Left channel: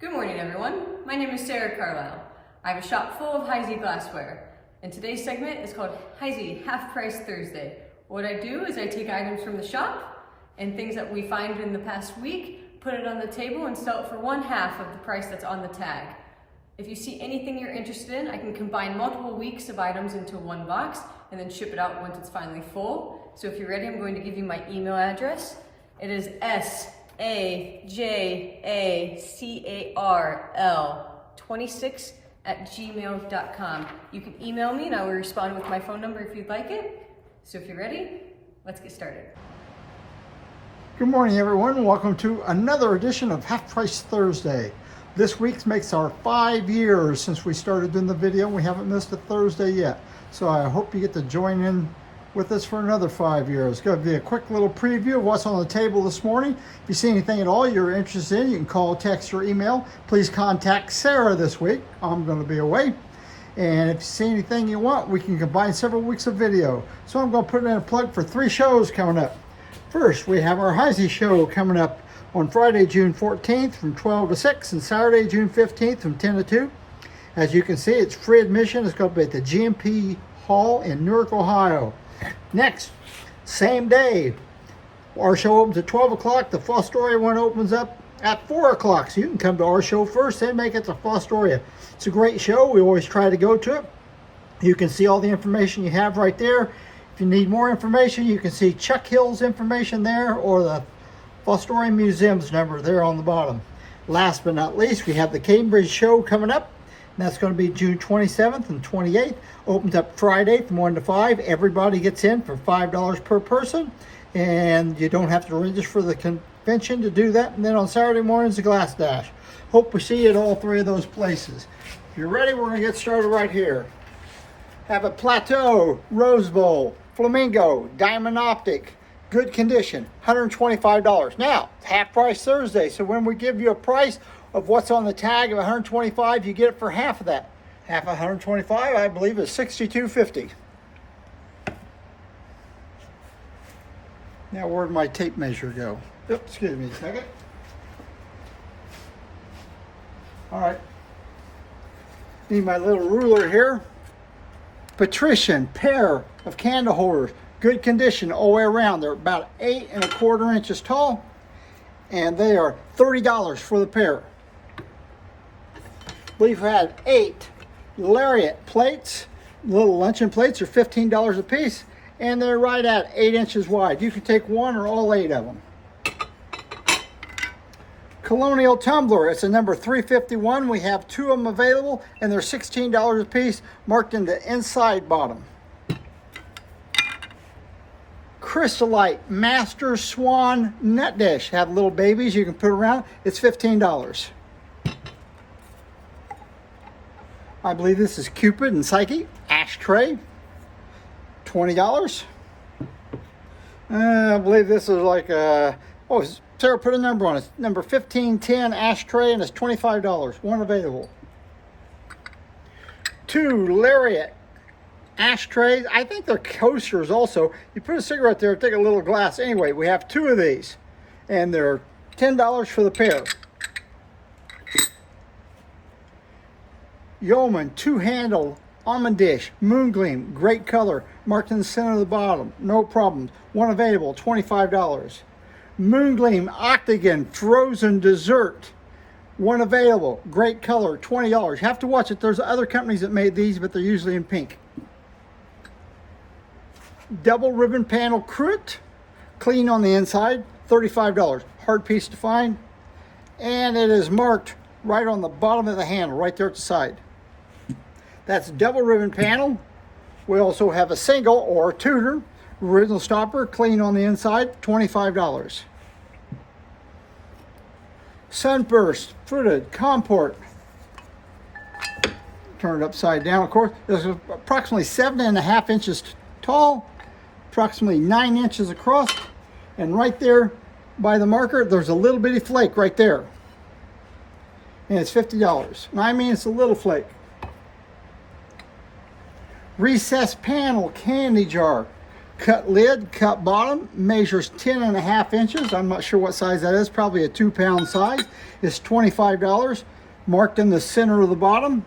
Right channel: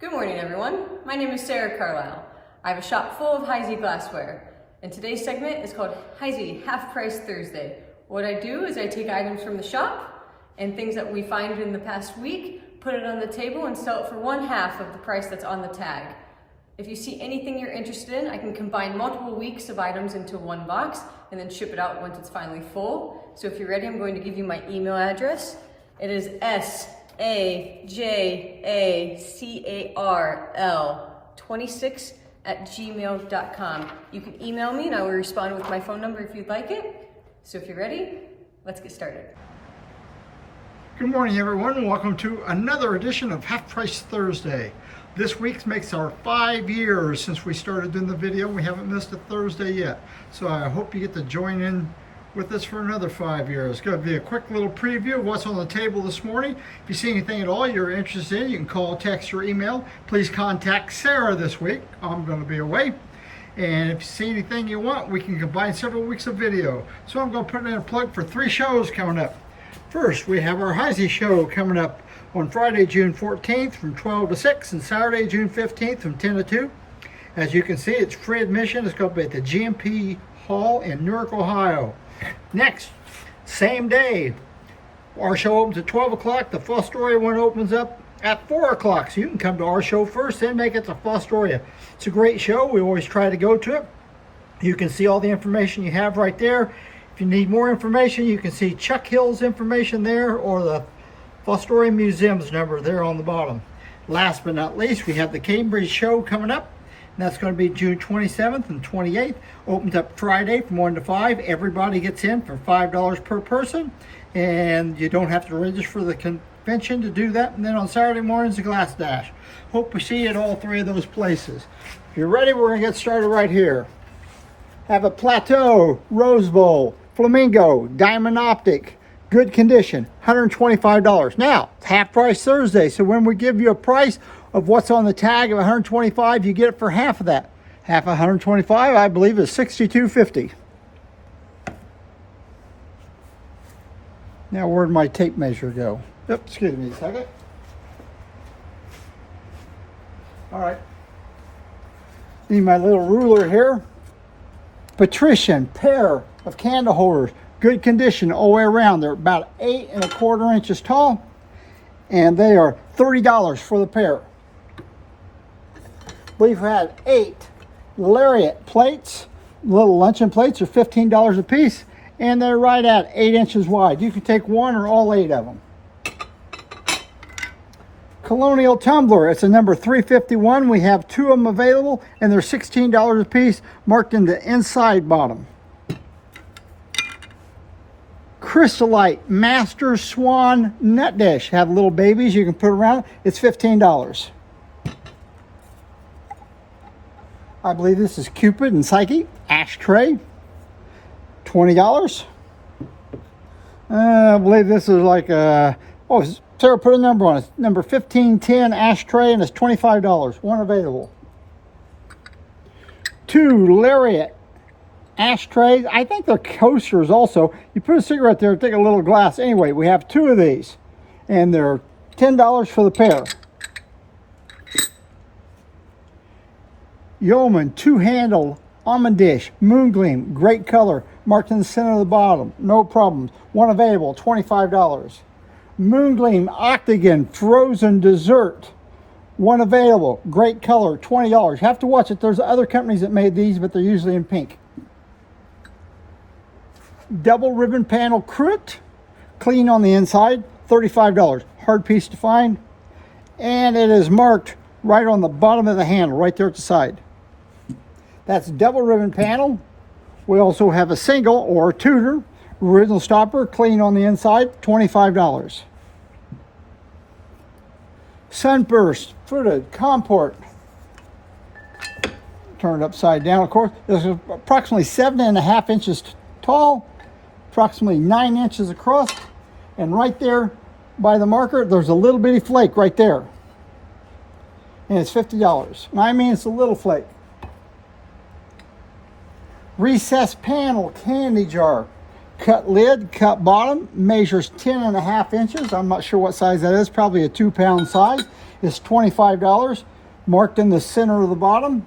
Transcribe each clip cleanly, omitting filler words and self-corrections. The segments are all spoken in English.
Good morning, everyone. My name is Sarah Carlisle. I have a shop full of Heisey glassware, and today's segment is called Heisey Half Price Thursday. What I do is I take items from the shop and things that we find in the past week, put it on the table and sell it for 1/2 of the price that's on the tag. If you see anything you're interested in, I can combine multiple weeks of items into one box and then ship it out once it's finally full. So if you're ready, I'm going to give you my email address. It is sajacarl26@gmail.com. You can email me and I will respond with my phone number if you'd like it. So if you're ready, let's get started. Good morning, everyone, and welcome to another edition of Half Price Thursday. This week makes our 5 years since we started doing the video. We haven't missed a Thursday yet, so I hope you get to join in with us for another 5 years. It's going to be a quick little preview of what's on the table this morning. If you see anything at all you're interested in, you can call, text, or email. Please contact Sarah this week. I'm going to be away. And if you see anything you want, we can combine several weeks of video. So I'm going to put in a plug for 3 shows coming up. First, we have our Heisey show coming up on Friday, June 14th from 12 to 6 and Saturday, June 15th from 10 to 2. As you can see, it's free admission. It's going to be at the GMP Hall in Newark, Ohio. Next, same day, our show opens at 12 o'clock. The Fostoria one opens up at 4 o'clock. So you can come to our show first, then make it to Fostoria. It's a great show. We always try to go to it. You can see all the information you have right there. If you need more information, you can see Chuck Hill's information there or the Fostoria Museum's number there on the bottom. Last but not least, we have the Cambridge show coming up. And that's going to be June 27th and 28th. Opens up Friday from 1 to 5. Everybody gets in for $5 per person. And you don't have to register for the convention to do that. And then on Saturday mornings, the Glass Dash. Hope we see you at all 3 of those places. If you're ready, we're going to get started right here. Have a Plateau, Rose Bowl, Flamingo, Diamond Optic. Good condition, $125. Now, it's half price Thursday, so when we give you a price of what's on the tag of $125, you get it for half of that. Half of $125, I believe, is $62.50. Now, where'd my tape measure go? Yep, excuse me a second. All right. Need my little ruler here. Patrician pair of candle holders. Good condition all the way around. They're about 8 1/4 inches tall, and they are $30 for the pair. We've had 8 lariat plates. Little luncheon plates are $15 a piece, and they're right at 8 inches wide. You can take one or all 8 of them. Colonial tumbler, it's a number 351. We have 2 of them available, and they're $16 a piece, marked in the inside bottom. Crystallite Master Swan Net Dish. Have little babies you can put around. It's $15. I believe this is Cupid and Psyche. Ashtray. $20. I believe this is like a... Oh, Sarah put a number on it. Number 1510 ashtray, and it's $25. One available. 2 lariat ashtrays. I think they're coasters also. You put a cigarette there, take a little glass. Anyway, we have 2 of these, and they're $10 for the pair. Yeoman 2-handle almond dish, moon gleam, great color, marked in the center of the bottom. No problems. One available, $25. Moon gleam octagon frozen dessert. One available, great color, $20. You have to watch it. There's other companies that made these, but they're usually in pink. Double ribbon panel cruet, clean on the inside, $35. Hard piece to find, and it is marked right on the bottom of the handle, right there at the side. That's double ribbon panel. We also have a single or Tudor original stopper, clean on the inside, $25. Sunburst fruited comport, turned upside down, of course. It's approximately 7.5 inches tall, approximately 9 inches across, and right there by the marker there's a little bitty flake right there, and it's $50. And I mean, it's a little flake. Recessed panel candy jar, Cut lid, cut bottom, measures 10.5 inches. I'm not sure what size that is, probably a 2-pound size. It's $25, marked in the center of the bottom.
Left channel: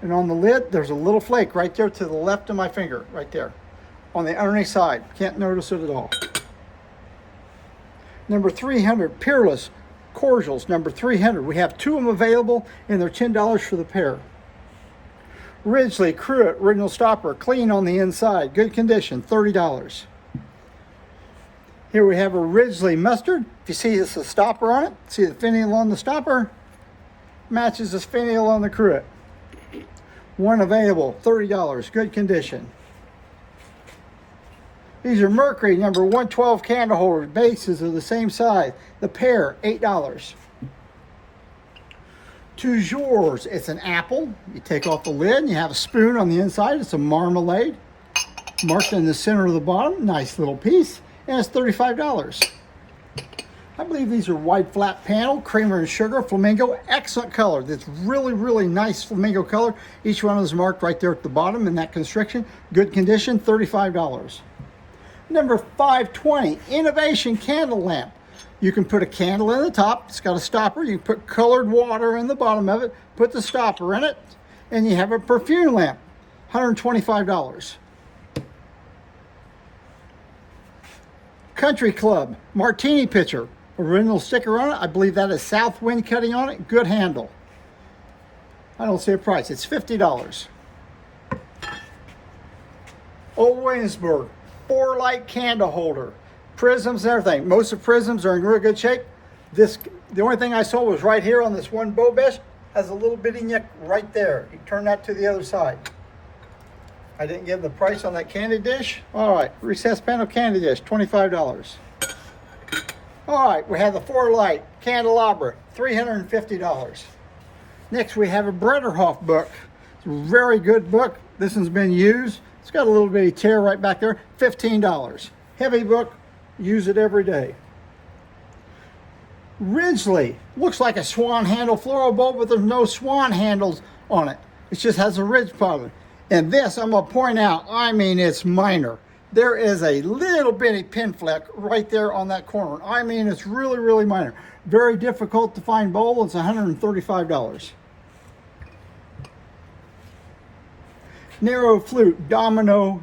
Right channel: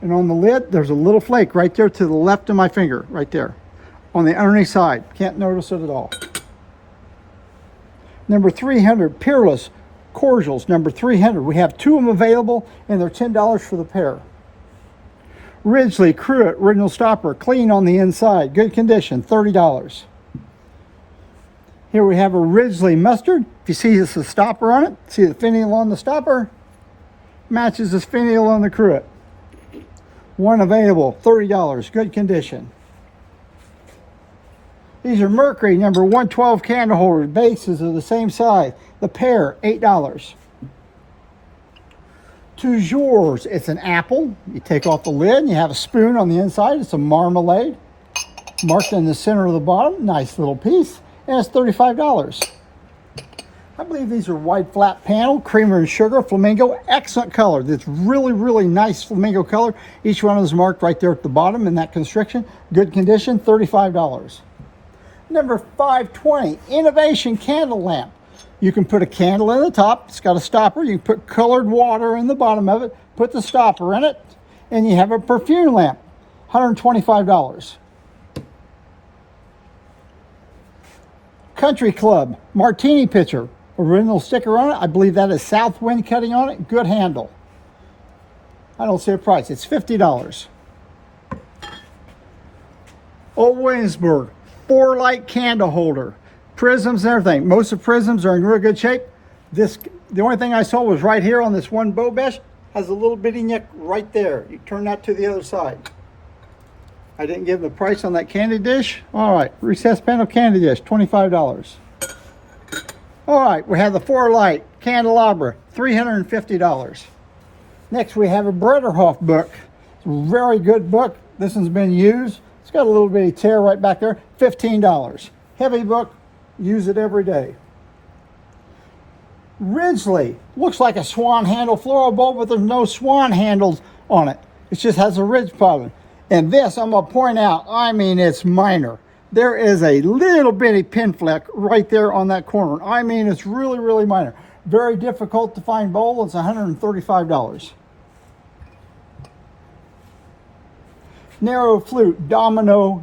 And on the lid, there's a little flake right there to the left of my finger, right there, on the underneath side. Can't notice it at all. Number 300, Peerless Cordials, number 300. We have 2 of them available, and they're $10 for the pair. Ridgely Cruet Original Stopper, clean on the inside, good condition, $30. Here we have a Ridgely Mustard. If you see it's a stopper on it, see the finial on the stopper, matches this finial on the cruet. 1 available, $30, good condition. These are Mercury number 112 candle holders. Bases are the same size. The pair, $8. Toujours, it's an apple. You take off the lid and you have a spoon on the inside. It's a marmalade. Marked in the center of the bottom. Nice little piece. And it's $35. I believe these are white flat panel, creamer and sugar, flamingo. Excellent color. This really, really nice flamingo color. Each one is marked right there at the bottom in that constriction. Good condition, $35. Number 520, Innovation Candle Lamp. You can put a candle in the top. It's got a stopper. You can put colored water in the bottom of it, put the stopper in it, and you have a perfume lamp, $125. Country Club Martini Pitcher, original sticker on it. I believe that is South Wind cutting on it. Good handle. I don't see a price. It's $50. Old Williamsburg 4-light candle holder, prisms and everything. Most of prisms are in real good shape. The only thing I saw was right here on this one bow mesh. Has a little bitty nick right there. You turn that to the other side. I didn't give the price on that candy dish. All right, recessed panel candy dish, $25. All right, we have the 4-light candelabra, $350. Next, we have a Brederhoff book. It's a very good book. This one's been used. It's got a little bitty tear right back there, $15. Heavy book, use it every day. Ridgely, looks like a swan handle floral bowl, but there's no swan handles on it. It just has a ridge pattern. And this, I'm gonna point out, I mean, it's minor. There is a little bitty pin fleck right there on that corner. I mean, it's really, really minor. Very difficult to find bowl. It's $135. Narrow flute, domino,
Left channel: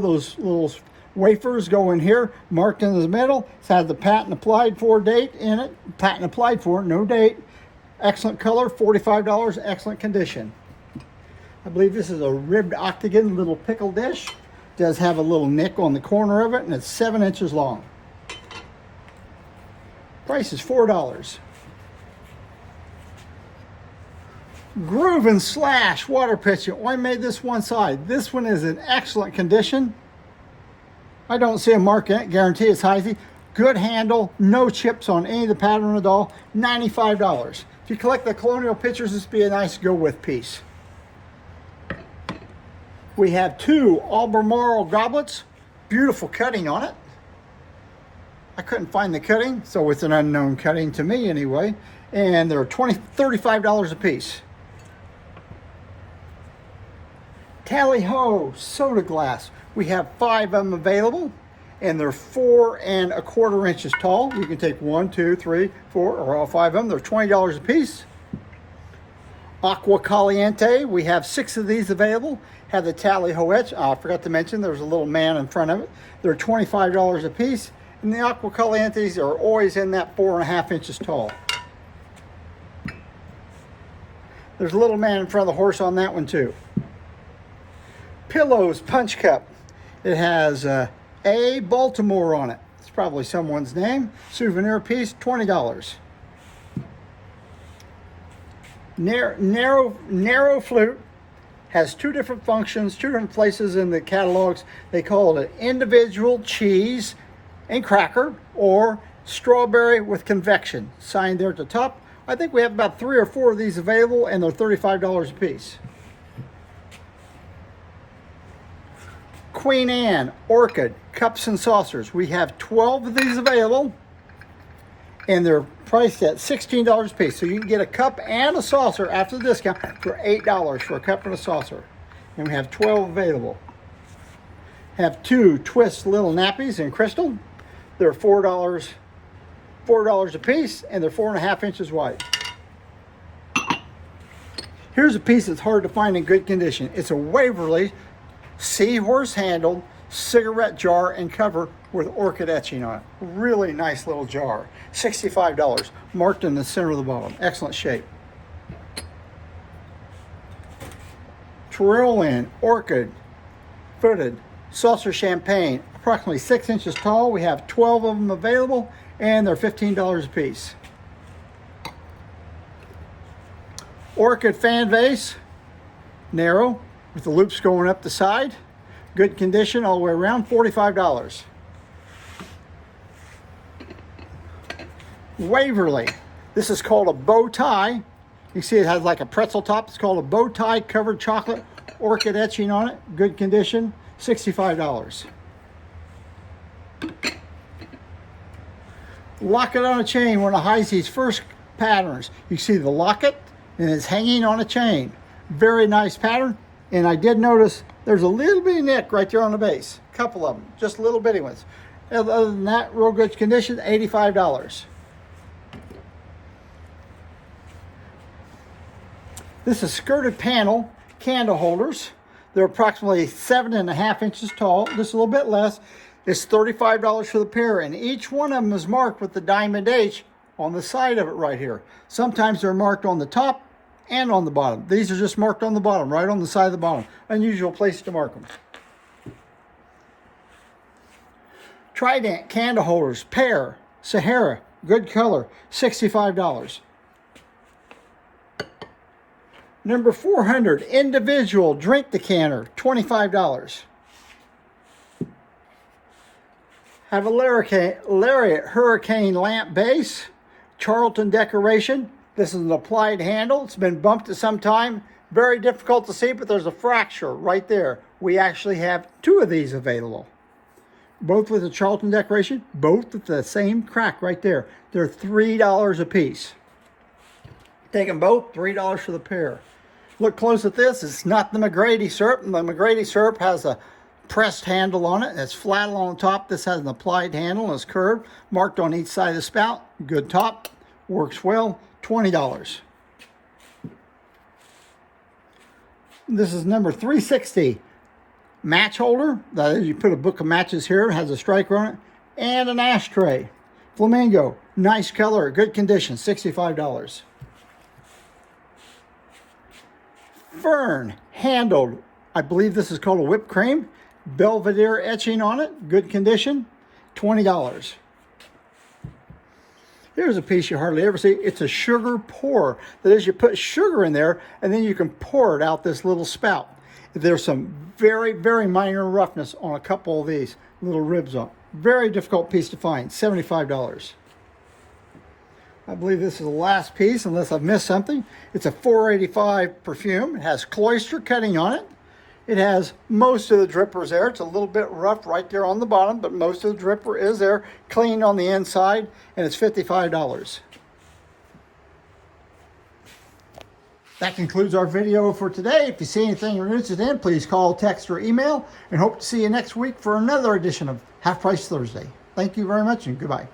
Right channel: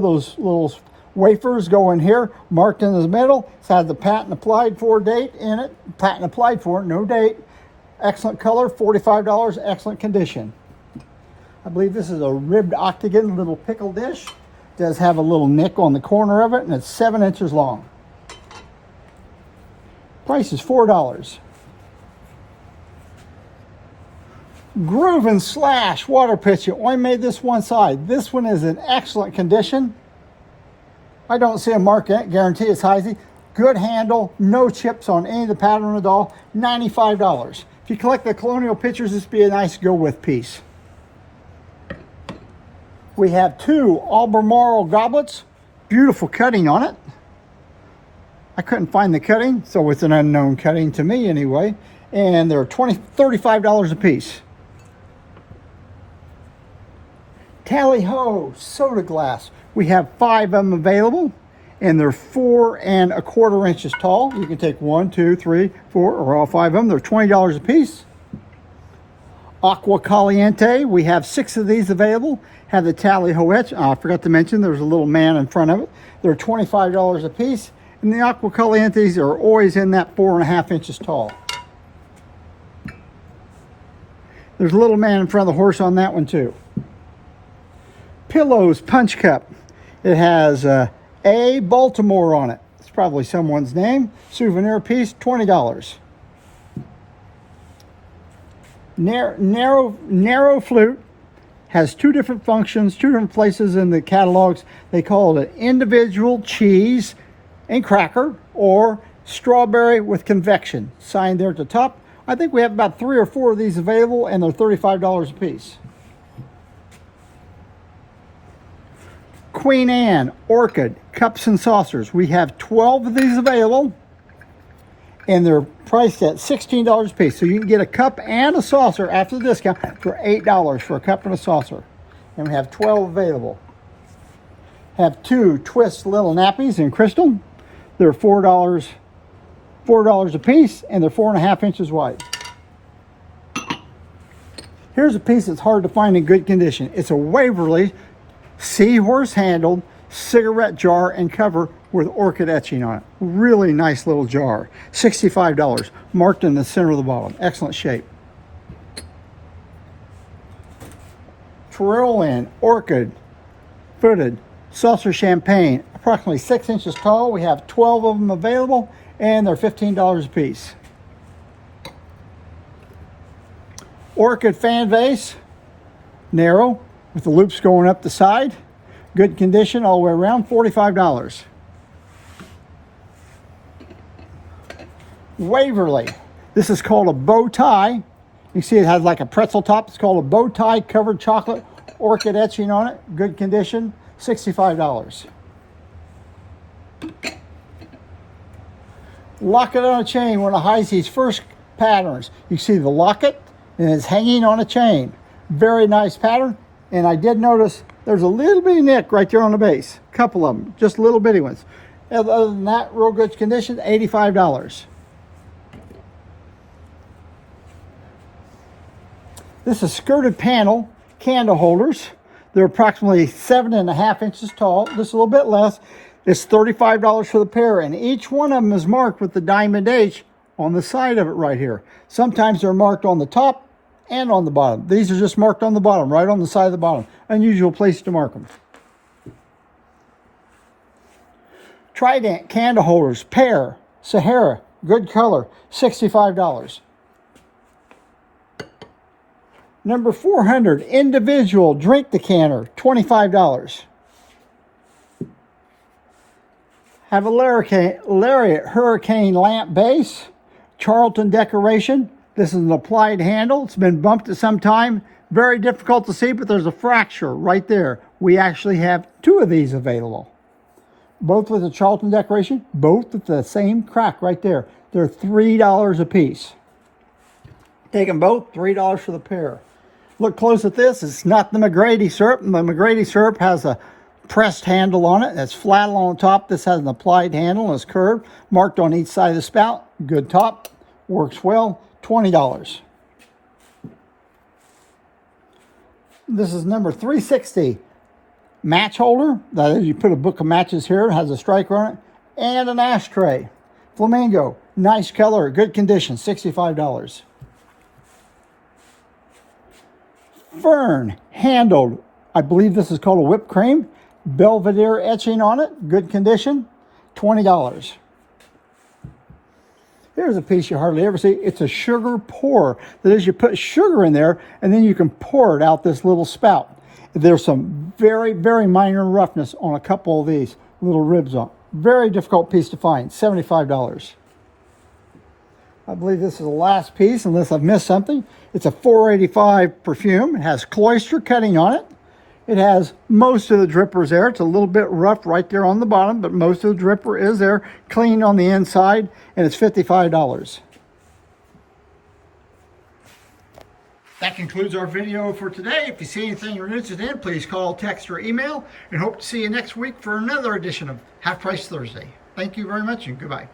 those little wafers go in here, marked in the middle. It's had the patent applied for date in it. Patent applied for, no date. Excellent color, $45, excellent condition. I believe this is a ribbed octagon little pickle dish. Does have a little nick on the corner of it, and it's 7 inches long. Price is $4. Groove and Slash water pitcher. Only made this one side. This one is in excellent condition. I don't see a mark in it. Guarantee it's Heisey. Good handle. No chips on any of the pattern at all. $95. If you collect the colonial pitchers, this would be a nice go-with piece. We have 2 Albemarle goblets. Beautiful cutting on it. I couldn't find the cutting, so it's an unknown cutting to me anyway. And they're $35 a piece. Tally Ho soda glass. We have 5 of them available, and they're 4 1/4 inches tall. You can take 1, 2, 3, 4, or all 5 of them. They're $20 a piece. Aqua Caliente. We have 6 of these available. Have the Tally Ho etch. I forgot to mention there's a little man in front of it. They're $25 a piece. And the Aqua Calientes are always in that 4 1/2 inches tall. There's a little man in front of the horse on that one too. Pillows Punch Cup. It has A. Baltimore on it. It's probably someone's name. Souvenir piece, $20. Narrow flute. Has 2 different functions, 2 different places in the catalogs. They call it an individual cheese and cracker or strawberry with convection. Signed there at the top. I think we have about 3 or 4 of these available, and they're $35 a piece. Queen Anne Orchid Cups and Saucers. We have 12 of these available, and they're priced at $16 a piece. So you can get a cup and a saucer after the discount for $8 for a cup and a saucer. And we have 12 available. Have 2 twist little nappies in crystal. They're $4 a piece, and they're 4.5 inches wide. Here's a piece that's hard to find in good condition. It's a Waverly seahorse handled cigarette jar and cover with orchid etching on it. Really nice little jar. $65, marked in the center of the bottom. Excellent shape. Tyrolean orchid footed seltzer champagne, approximately 6 inches tall. We have 12 of them available, and they're $15 a piece. Orchid fan vase, narrow, with the loops going up the side. Good condition all the way around, $45. Waverly, this is called a bow tie. You see it has like a pretzel top. It's called a bow tie covered chocolate, orchid etching on it. Good condition, $65. Locket on a chain, one of Heisey's first patterns. You see the locket, and it's hanging on a chain. Very nice pattern. And I did notice there's a little bitty nick right there on the base. A couple of them, just little bitty ones. Other than that, real good condition, $85. This is skirted panel candle holders. They're approximately 7.5 inches tall, just a little bit less. It's $35 for the pair, and each one of them is marked with the diamond H on the side of it right here. Sometimes they're marked on the top and on the bottom. These are just marked on the bottom, right on the side of the bottom. Unusual place to mark them. Trident candle holders, pair, Sahara, good color, $65. Number 400, individual drink decanter, $25. Have a Lariat Hurricane lamp base, Charlton decoration. This is an applied handle. It's been bumped at some time. Very difficult to see, but there's a fracture right there. We actually have 2 of these available. Both with the Charlton decoration, both with the same crack right there. They're $3 a piece. Take them both, $3 for the pair. Look close at this. It's not the McGrady syrup. The McGrady syrup has a pressed handle on it. It's flat along the top. This has an applied handle and it's curved, marked on each side of the spout. Good top, works well, $20. This is number 360. Match holder. That is, you put a book of matches here. It has a striker on it. And an ashtray. Flamingo. Nice color. Good condition. $65. Fern. Handled. I believe this is called a whipped cream. Belvedere etching on it. Good condition. $20. Here's a piece you hardly ever see. It's a sugar pour. That is, you put sugar in there and then you can pour it out this little spout. There's some very, very minor roughness on a couple of these little ribs on. Very difficult piece to find, $75. I believe this is the last piece, unless I've missed something. It's a 485 perfume. It has cloister cutting on it. It has most of the drippers there. It's a little bit rough right there on the bottom, but most of the dripper is there, clean on the inside, and it's $55. That concludes our video for today. If you see anything you're interested in, please call, text, or email, and hope to see you next week for another edition of Half Price Thursday. Thank you very much, and goodbye.